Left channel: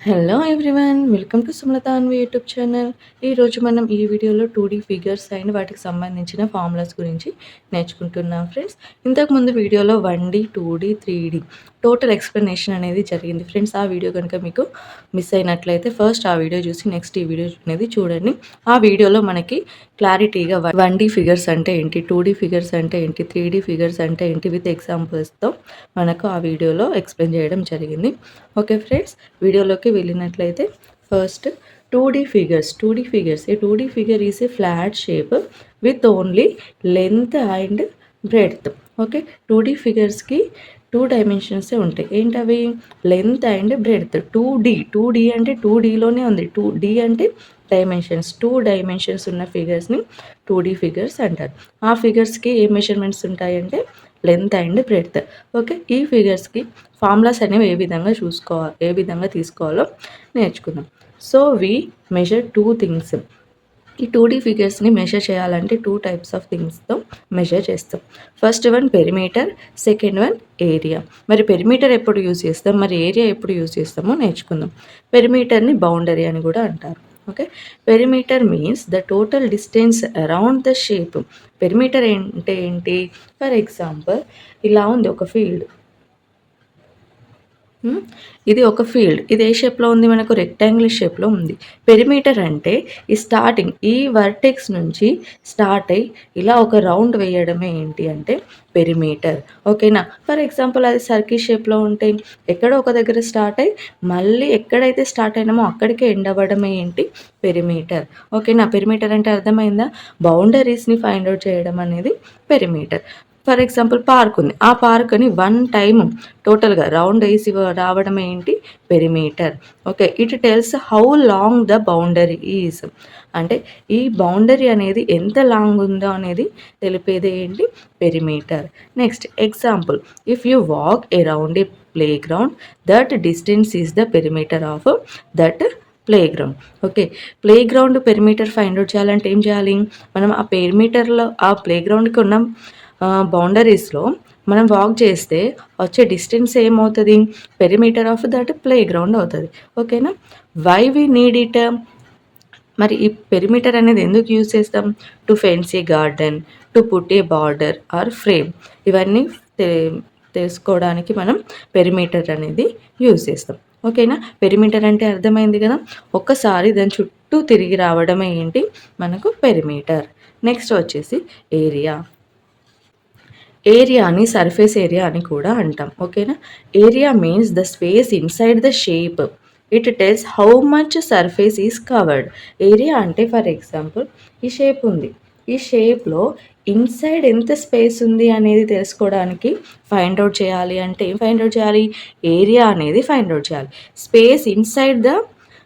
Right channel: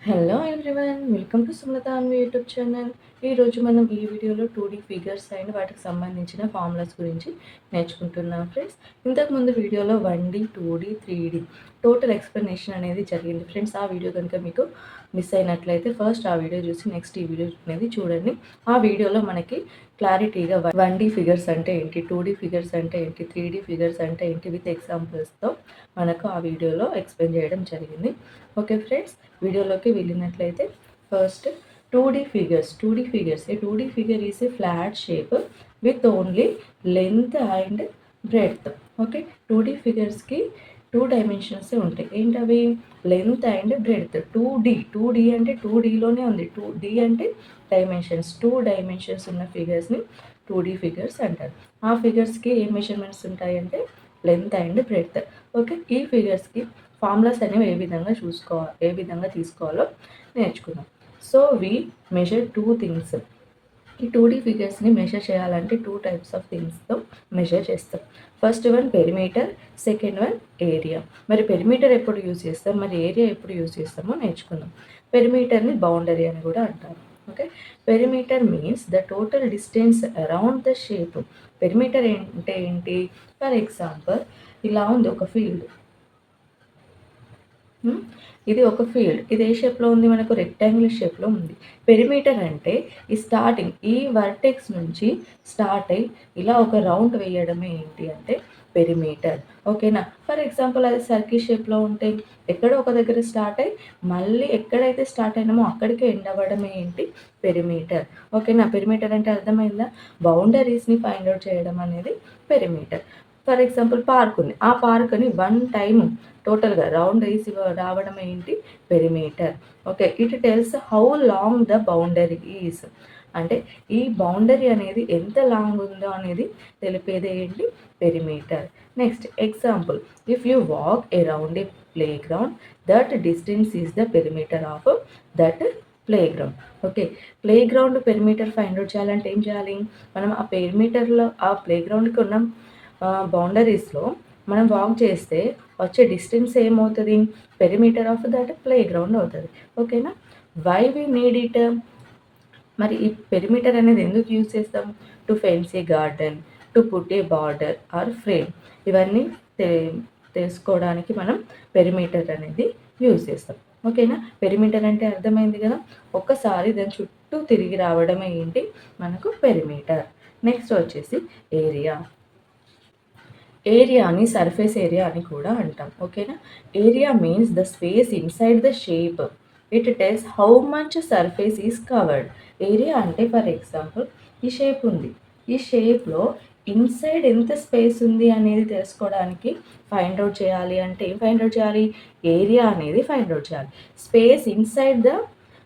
Hello everyone, welcome to Sumalatha Anvi YouTube channel. ఈరోజు మనం ఈ వీడియోలో 2D ఫిగర్స్ అండ్ వాటికి సంబంధించిన ఫార్ములాస్ గురించి నేర్చుకుంటున్నాం ఫ్రెండ్స్. ఇంతకుముందు వీడియోలో 1D, 2D, 3D total explanation అనేది జరిగింది ఫ్రెండ్స్. ఆ వీడియో కనుక మీకు మిస్ అయినట్లయితే ఫస్ట్ ఆ వీడియో చూసి నెక్స్ట్ ఈ వీడియో అనేది చూడండి. ఆ వీడియోలో మనకి క్లారిటీగా 1D ఫిగర్స్ అంటే ఏంటి, 2D ఫిగర్స్ అంటే ఏంటి, 3D ఫిగర్స్ అంటే ఏంటి విత్ ఎగ్జాంపుల్స్తో మనకు ఆ వీడియోలో ఎక్స్ప్లెయిన్ చేయడం జరిగింది. ఓకే ఫ్రెండ్స్, వీడియోలోకి వెళ్ళినట్లయితే first 2D figures. 2D figures, A 2D figure is a flat shape with only length and breadth. Okay, 2D ఫిగర్స్కి 2 డైమెన్షన్సే ఉంటాయి. ఏంటవి? Length and breadth. 2D అంటే 2Dలోనే ఉంది. 2D అంటే డైమెన్షన్స్. 2 డైమెన్షన్స్ ఉన్న ఫిగర్స్ని 2D ఫిగర్స్ అంటారు. ఆ ఫిగర్స్కి ఏ మెజర్మెంట్స్ ఉంటాయంటే లెంత్ అండ్ బ్రెడ్త్. ఓకే, ఈ ఫిగర్స్కి ఫార్ములాస్ అనేవి ఏ విధంగా తీసుకోవాలో నేర్చుకుందాం. So we measure 2 things. ఈ 2D ఫిగర్స్ని మెజర్ చేయాలంటే 2 టైప్స్ ఆఫ్ థింగ్స్తో మెజర్ చేస్తాం. First one perimeter, second one area. మరి పెరిమీటర్ ఎప్పుడు యూజ్ చేస్తాం, మరి ఏరియా ఎప్పుడు యూజ్ చేస్తామో నేర్చుకుందాం. పెరిమీటర్ని బౌండరీ అని కూడా అంటారు. Okay, perimeter means the total distance around the shape. Perimeter అంటే ఏంటి? ఫర్ ఎగ్జాంపుల్, ఇలా ఉంది ఒక ఫీల్డ్. ఇది ఒక ఫీల్డ్. ఇది ఏ షేప్‌లో ఉంది? మనకు రెక్టాంగిల్ షేప్‌లో ఉంది. పెరిమీటర్ అంటే ఈ వర్టెక్స్ నుంచి స్టార్ట్ అయ్యి ఇలా ఒక రౌండ్ వేయడమే ఏంటి అంటే పెరిమీటర్. ఓకేనా? ఫర్ ఎగ్జాంపుల్, అది సర్కిల్ షేప్‌లో ఉంటే ఎక్కడో ఒక దగ్గర స్టార్ట్ అయ్యి మళ్ళీ ఎక్కడైతే స్టార్ట్ అయినామో అక్కడికే ఎండ్ అవ్వడమే ఏంటి? పెరిమీటర్. ఓకేనా? పెరిమీటర్ అంటే అర్థమైందా? బౌండరీస్‌ని ఫైండ్ ఔట్ చేయడం అనేది పెరిమీటర్. ఫర్ ఎగ్జాంపుల్, పార్క్ ఉంది. ఆ పార్క్‌ని వన్ టైమ్ టోటల్‌గా రౌండ్ ఏసి రావడం ఏంటి? Perimeter. Okay, it tells how long the boundary is. అంటే ఈ బౌండరీ అనేది ఎంత లాంగ్ ఉందో అనేది తెలిపేది ఏంటి? Perimeter. Next example, if you walk around a play ground, that distance is the perimeter of that play ground. Okay, play ground perimeter find out చేయాలంటే ఏం చేయాలి? మనం ఆ పెరిమీటర్లో ఆ ప్లే గ్రౌండ్కి ఉన్న బౌండరీస్లో మనం వాక్ చేస్తే వచ్చే డిస్టెన్స్ ఏమవుతుంది? Perimeter of that playground అవుతుంది. ఓకేనా? Why we need it? మరి ఈ పెరిమీటర్ అనేది ఎందుకు యూజ్ చేస్తాం? To fence a garden, to put a border or frame. ఇవన్నీ తె తెలుసుకోవడానికి మనం పెరిమీటర్ అనేది యూజ్ చేస్తాం. ఓకేనా? పెరిమీటర్ అంటే అర్థమైంది కదా. ఒక్కసారి దాని చుట్టూ తిరిగి రావడమే ఏంటి? మనకు పెరిమీటర్. నెక్స్ట్ వచ్చేసి ఏరియా. ఏరియాని సర్ఫేస్ ఏరియా అని కూడా అంటాం. ఓకేనా? Area means the space inside the shape. It tells how much surface is covered. Area అంటే ఫర్ ఎగ్జాంపుల్, ఈ షేప్ ఉంది. ఈ షేప్‌లో ఇన్సైడ్ ఎంత స్పేస్ ఉంది అనేది తెలుసుకోవడానికి ఫైండ్ ఔట్ చేయాలి అంటే ఏం ఫైండ్ ఔట్ చేయాలి? ఏరియా అనేది ఫైండ్ ఔట్ చేయాలి. Space inside the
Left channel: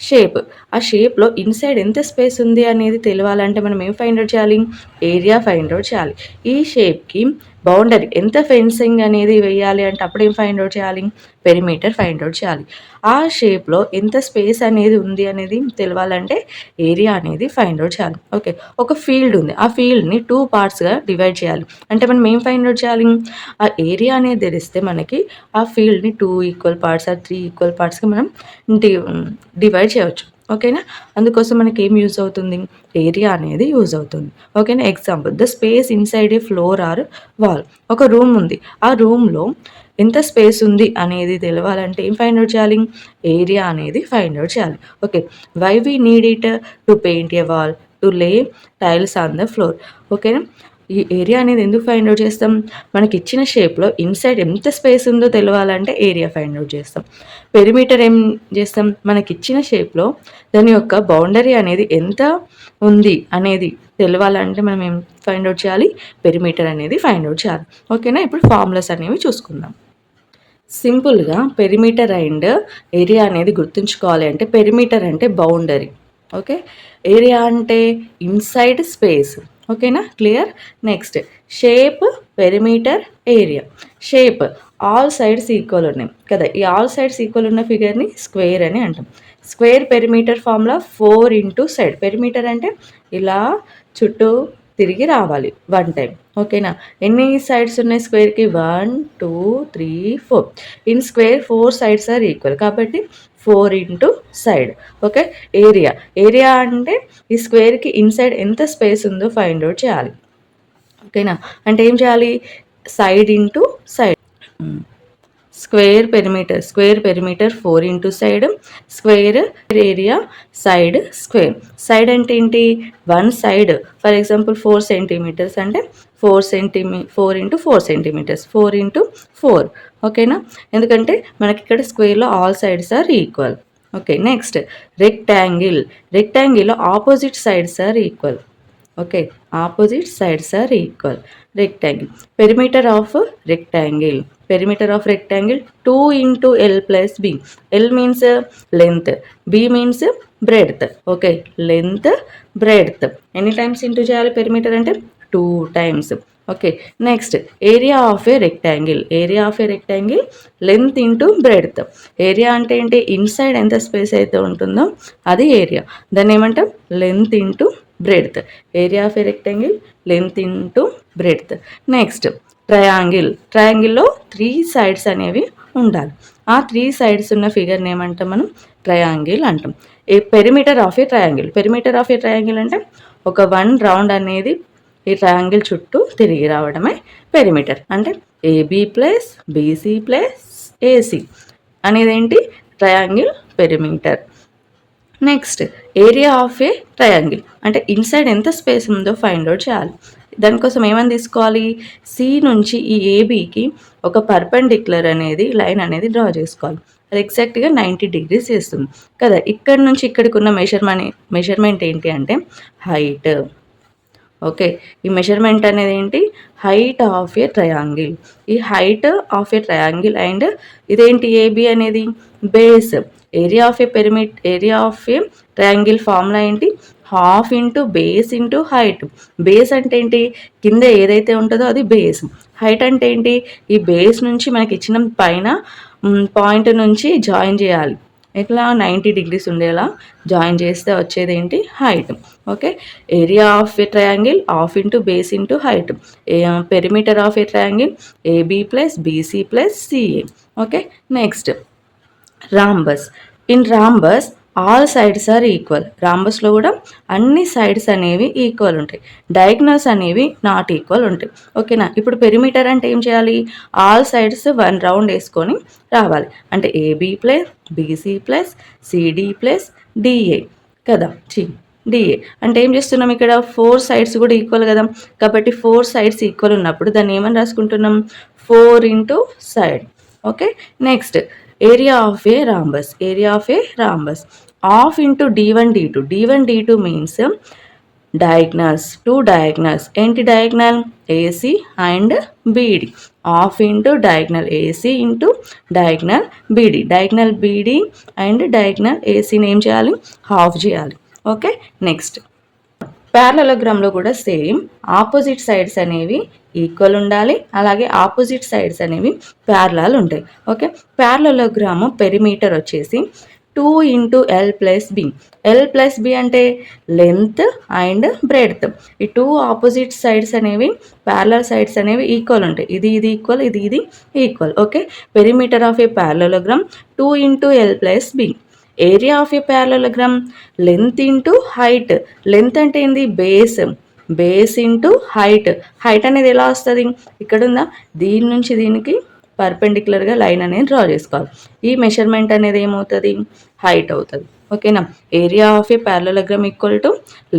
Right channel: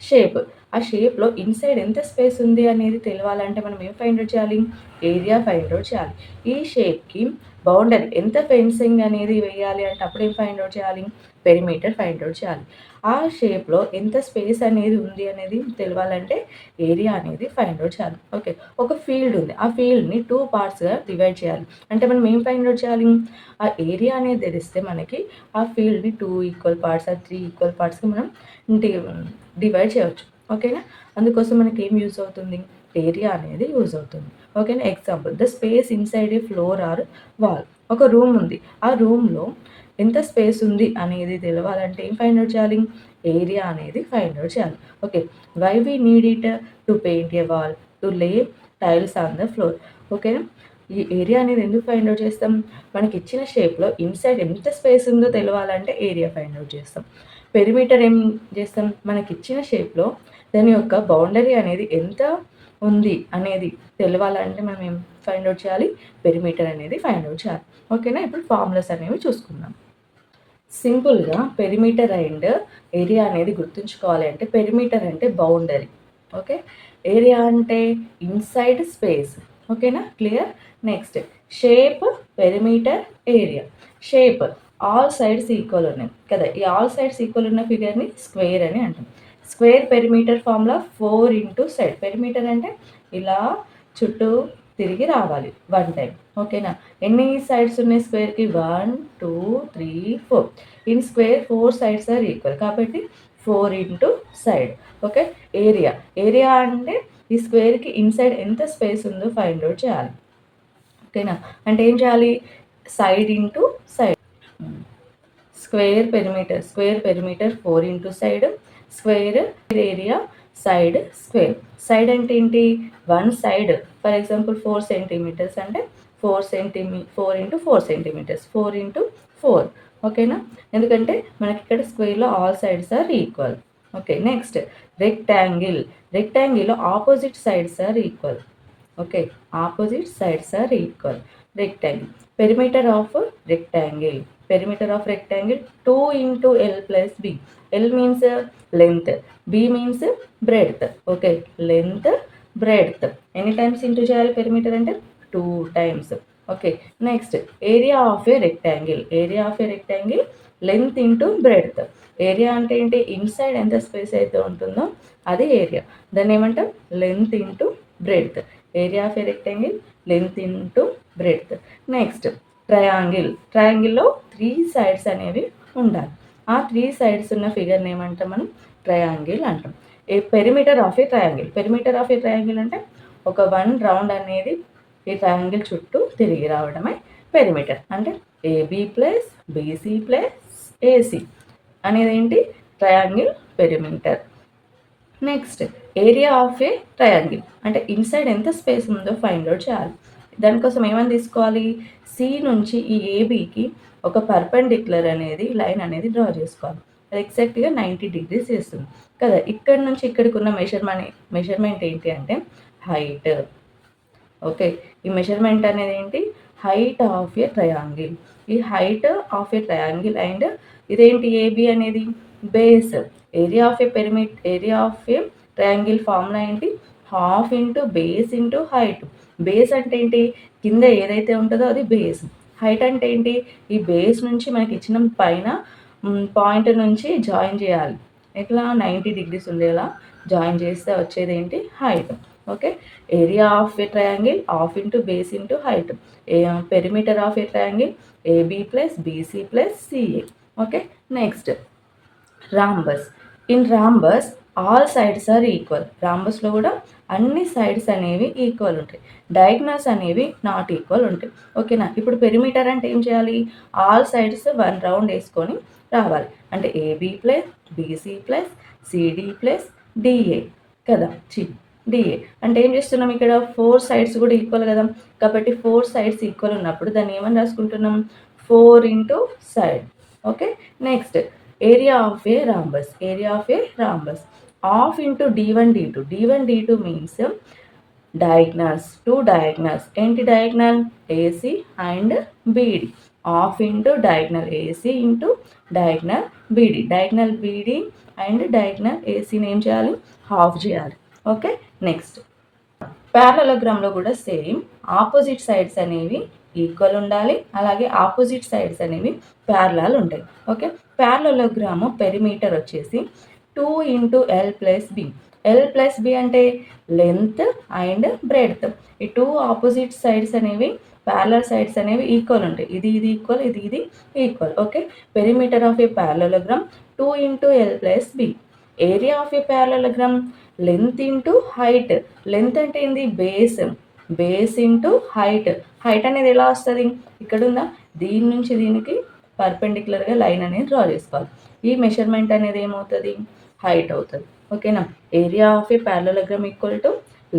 shape. ఆ షేప్‌లో ఇన్సైడ్ ఎంత స్పేస్ ఉంది అనేది తెలవాలంటే మనం ఏం ఫైండ్ ఔట్ చేయాలి? ఏరియా ఫైండ్ ఔట్ చేయాలి. ఈ షేప్‌కి బౌండరీ ఎంత ఫెన్సింగ్ అనేది వేయాలి అంటే అప్పుడు ఏం ఫైండ్ ఔట్ చేయాలి? పెరిమీటర్ ఫైండ్ ఔట్ చేయాలి. ఆ షేప్‌లో ఎంత స్పేస్ అనేది ఉంది అనేది తెలవాలంటే ఏరియా అనేది ఫైండ్ ఔట్ చేయాలి. ఓకే, ఒక ఫీల్డ్ ఉంది. ఆ ఫీల్డ్‌ని 2 పార్ట్స్‌గా డివైడ్ చేయాలి. అంటే మనం ఏం ఫైండ్ ఔట్ చేయాలి? ఆ ఏరియా అనేది తెలిస్తే మనకి ఆ ఫీల్డ్‌ని 2 ఈక్వల్ పార్ట్స్ ఆర్ 3 ఈక్వల్ పార్ట్స్‌గా మనం డి డివైడ్ చేయవచ్చు. ఓకేనా? అందుకోసం మనకి ఏం యూజ్ అవుతుంది? ఏరియా అనేది యూజ్ అవుతుంది. ఓకేనా? Example, the space inside a floor or wall. ఒక రూమ్ ఉంది. ఆ రూమ్‌లో ఎంత స్పేస్ ఉంది అనేది తెలవాలంటే ఏం ఫైండ్ ఔట్ చేయాలి? ఏరియా అనేది ఫైండ్ ఔట్ చేయాలి. Okay, why we need it? To paint a wall, to lay tiles on the floor. ఓకేనా? ఈ ఏరియా అనేది ఎందుకు ఫైండ్ ఔట్ చేస్తాం? మనకిచ్చిన షేప్‌లో ఇన్సైడ్ ఎంత స్పేస్ ఉందో తెలవాలంటే ఏరియా ఫైండ్ ఔట్ చేస్తాం. పెరిమీటర్ ఏం చేస్తాం? మనకిచ్చిన షేప్‌లో దాని యొక్క బౌండరీ అనేది ఎంత ఉంది అనేది తెలవాలంటే మనం ఏం ఫైండ్ ఔట్ చేయాలి? పెరిమీటర్ అనేది ఫైండ్ ఔట్ చేయాలి. ఓకేనా? ఇప్పుడు ఫార్ములాస్ అనేవి చూసుకుందాం. సింపుల్‌గా పెరిమీటర్ అండ్ ఏరియా అనేది గుర్తుంచుకోవాలి అంటే, పెరిమీటర్ అంటే బౌండరీ. ఓకే, ఏరియా అంటే ఇన్సైడ్ స్పేస్. ఓకేనా? Clear? Next shape, perimeter, area. Shape, all sides equal ఉన్నాయి కదా. ఈ ఆల్ సైడ్స్ ఈక్వల్ ఉన్న ఫిగర్‌ని స్క్వేర్ అని అంటాం. Square perimeter formula 4 into side. Perimeter అంటే ఇలా చుట్టూ తిరిగి రావాలి 1 టైమ్. ఓకేనా? ఎన్ని సైడ్స్ ఉన్నాయి స్క్వేర్‌కి? 1, 2, 3, 4. In square 4 sides are equal. కాబట్టి 4 into side. Okay. Area. Area అంటే ఈ స్క్వేర్‌కి ఇన్‌సైడ్ ఎంత స్పేస్ ఉందో ఫైండ్ ఔట్ చేయాలి. ఓకేనా? అంటే ఏం చేయాలి? Side into side. Square perimeter 4 into side, square area, side square. Side అంటే ఏంటి? 1 సైడ్. ఫర్ ఎగ్జాంపుల్ 4 సెంటీమీటర్స్ అంటే 4 ఇంటూ 4 సెంటీమీటర్స్, 4 ఇంటూ 4. ఓకేనా? ఎందుకంటే మనకి ఇక్కడ స్క్వేర్లో all sides are equal. Okay. Next rectangle opposite sides are equal. Okay. Opposite sides are equal. Rectangle. Perimeter of rectangle 2 into L plus B. L means length, B means breadth. Okay, length, breadth. Any times into చేయాలి perimeter అంటే 2 times. Okay. Next area of a rectangle. Length into breadth. Area అంటే ఏంటి? Inside ఎంత space అయితే ఉంటుందో అది area. దాన్ని ఏమంటాం? Length into breadth. Area of a rectangle, length into breadth. Next ట్రయాంగిల్లో 3 సైడ్స్ అనేవి ఉండాలి. ఆ 3 సైడ్స్ ఉన్న ఫిగర్ని ఏమంటాం మనం? ట్రయాంగిల్ అంటాం. పెరిమీటర్ ఆఫ్ ఏ ట్రయాంగిల్ అంటే ఒక 1 రౌండ్ అనేది ఈ ట్రయాంగిల్ చుట్టూ తిరిగి రావడమే పెరిమీటర్. అంటే AB plus BC plus AC అనేది ఏంటి? Triangle perimeter. Next area of a triangle అంటే ఇన్సైడ్ ఎంత స్పేస్ ఉందో ఫైండ్ అవుట్ చేయాలి. దానికోసం ఏమని తీసుకోవాలి? సి నుంచి ఈ ఏబీకి ఒక పర్పెండిక్యులర్ అనేది లైన్ అనేది డ్రా చేసుకోవాలి. అది ఎగ్జాక్ట్గా 90 degrees చేస్తుంది కదా. ఇక్కడ నుంచి ఇక్కడికి ఉన్న మెజర్మెంట్ ఏంటి అంటే హైట్. ఓకే. ఈ మెజర్మెంట్ అనేది ఏంటి? Height of a triangle. ఈ height of a triangle and ఇదేంటి? ఏబి అనేది base. Area of a triangle formula ఏంటి? Half into base into height. Base అంటే ఏంటి? కింద ఏదైతే ఉంటుందో అది బేస్. హైట్ అంటే ఏంటి? ఈ బేస్ నుంచి మనకి ఇచ్చిన పైన పాయింట్ నుంచి జాయిన్ చేయాలి. ఇట్లా 90 degrees ఉండేలా జాయిన్ చేస్తే వచ్చేది ఏంటి? Height. Okay. Area of a triangle half into base into height. Perimeter of a triangle AB plus BC plus CA. Okay. Next rhombus. In rhombus all sides are equal. రాంబస్లో కూడా అన్ని sides అనేవి equal ఉంటాయి. Diagonals అనేవి not equal ఉంటాయి. ఓకేనా? ఇప్పుడు perimeter అంటే ఏం చేయాలి? ఆల్ సైడ్స్ 1 రౌండ్ వేసుకొని రావాలి. అంటే AB plus BC plus CD plus DA కదా. డిఏ అంటే ఏం చేస్తున్నాం? ఇక్కడ 4 సైడ్స్ కూడా ఈక్వల్ కదా. కాబట్టి 4 సైడ్స్ ఈక్వల్ ఉన్నప్పుడు దాన్ని ఏమని రాసుకుంటున్నాం? 4 into side. Okay. Next area of a rhombus half into D1 D2 means diagonals. 2 diagonals. ఏంటి diagonal? AC and BD. Half into diagonal AC into diagonal BD. Diagonal BD and diagonal ఏసీని ఏం చేయాలి? Half చేయాలి. Okay. Next ప్యారలలోగ్రామ్లో కూడా same opposite sides అనేవి equal ఉండాలి. అలాగే ఆపోజిట్ సైడ్స్ అనేవి ప్యారలల్ ఉంటాయి. ఓకే. ప్యారలలోగ్రామ్ పెరిమీటర్ వచ్చేసి 2 ఇంటూ ఎల్ ప్లస్ బి అంటే లెంత్ అండ్ బ్రెడ్త్. ఈ 2 ఆపోజిట్ సైడ్స్ అనేవి ప్యారలల్ సైడ్స్ అనేవి ఈక్వల్ ఉంటాయి. ఇది ఈక్వల్, ఇది equal. Okay. Perimeter of a parallelogram 2 into L plus B. Area of a parallelogram length into height. Length అంటే ఏంది? Base into height. Height అనేది ఎలా వస్తుంది? ఇక్కడ ఉందా? దీని నుంచి దీనికి పర్పెండిక్యులర్గా లైన్ అనేది డ్రా చేసుకోవాలి. ఈ మెజర్మెంట్ అనేది ఏమవుతుంది? హైట్ అవుతుంది. ఓకేనా? Area of a parallelogram equal to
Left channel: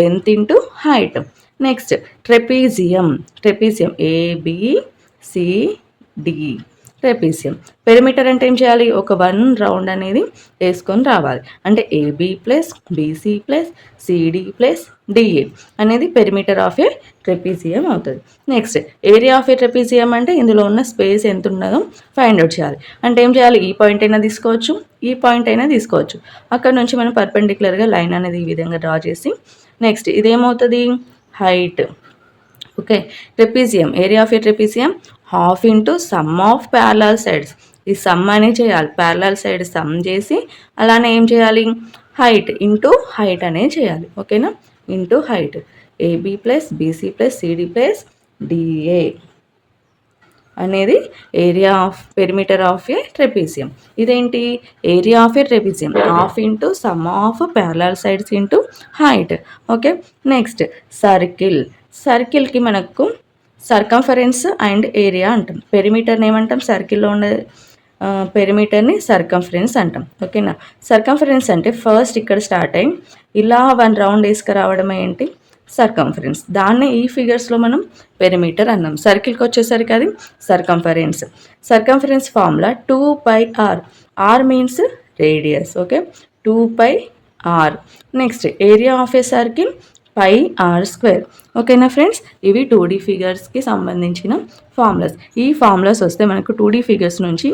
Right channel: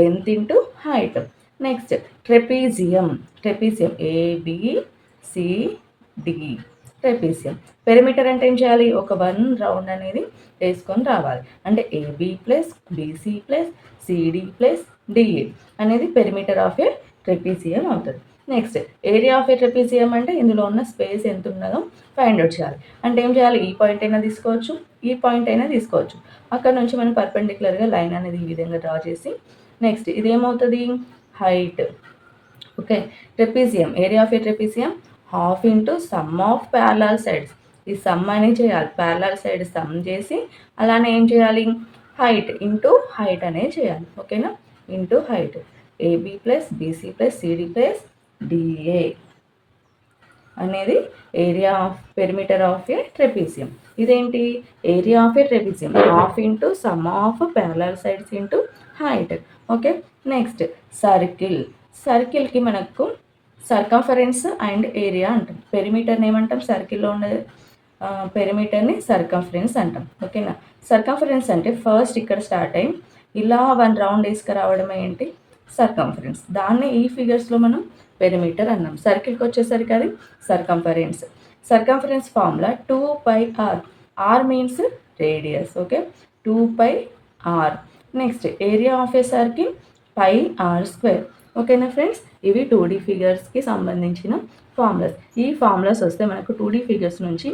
length into height. Next trapezium ABCD. Trapezium. Perimeter అంటే ఏం చేయాలి? ఒక 1 రౌండ్ అనేది వేసుకొని రావాలి. అంటే AB plus BC plus CD plus DA అనేది పెరిమీటర్ ఆఫ్ ఏ ట్రెపీజియం అవుతుంది. Next area of a trapezium అంటే ఇందులో ఉన్న స్పేస్ ఎంత ఉన్నదో ఫైండ్ అవుట్ చేయాలి. అంటే ఏం చేయాలి? ఈ పాయింట్ అయినా తీసుకోవచ్చు, ఈ పాయింట్ అయినా తీసుకోవచ్చు. అక్కడ నుంచి మనం పర్పెండిక్యులర్గా లైన్ అనేది ఈ విధంగా డ్రా చేసి నెక్స్ట్ ఇదేమవుతుంది? Height. Okay. Trapezium area of a trapezium half into sum of parallel sides. ఈ సమ్ అనేది చేయాలి. ప్యారలల్ సైడ్ సమ్ చేసి అలానే ఏం చేయాలి? హైట్ ఇంటూ హైట్ అనేది చేయాలి. ఓకేనా? Into height. AB plus BC plus CD plus DA అనేది area of perimeter of a trapezium. ఇదేంటి? Area of a trapezium half into sum of parallel sides into height. Okay, next circle. సర్కిల్కి మనకు circumference and area అంటాం. పెరిమీటర్ని ఏమంటాం? సర్కిల్లో ఉండే పెరిమీటర్ని circumference అంటాం. ఓకేనా? సర్కంఫరెన్స్ అంటే ఫస్ట్ ఇక్కడ స్టార్ట్ అయ్యి ఇలా 1 రౌండ్ వేసుకురావడం ఏంటి? సర్కంఫరెన్స్. దాన్నే ఈ ఫిగర్స్లో మనం పెరిమీటర్ అన్నాం. సర్కిల్కి వచ్చేసరికి అది circumference. Circumference formula 2πr. R means radius. Okay, 2πr. Next area of a circle πr². ఓకేనా ఫ్రెండ్స్? ఇవి 2D ఫిగర్స్కి సంబంధించిన ఫార్ములాస్. ఈ ఫార్ములాస్ వస్తే మనకు 2D ఫిగర్స్ నుంచి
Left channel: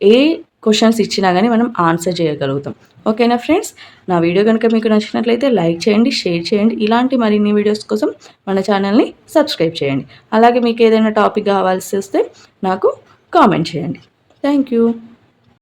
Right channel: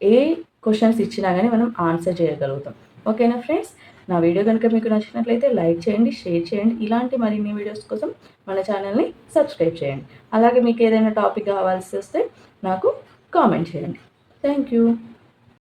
ఏ క్వశ్చన్స్ ఇచ్చినా కానీ మనం ఆన్సర్ చేయగలుగుతాం. ఓకేనా ఫ్రెండ్స్? నా వీడియో కనుక మీకు నచ్చినట్లయితే లైక్ చేయండి, షేర్ చేయండి. ఇలాంటి మరిన్ని వీడియోస్ కోసం మన ఛానల్ని సబ్స్క్రైబ్ చేయండి. అలాగే మీకు ఏదైనా టాపిక్ కావాల్సి వస్తే నాకు కామెంట్ చేయండి. Thank you.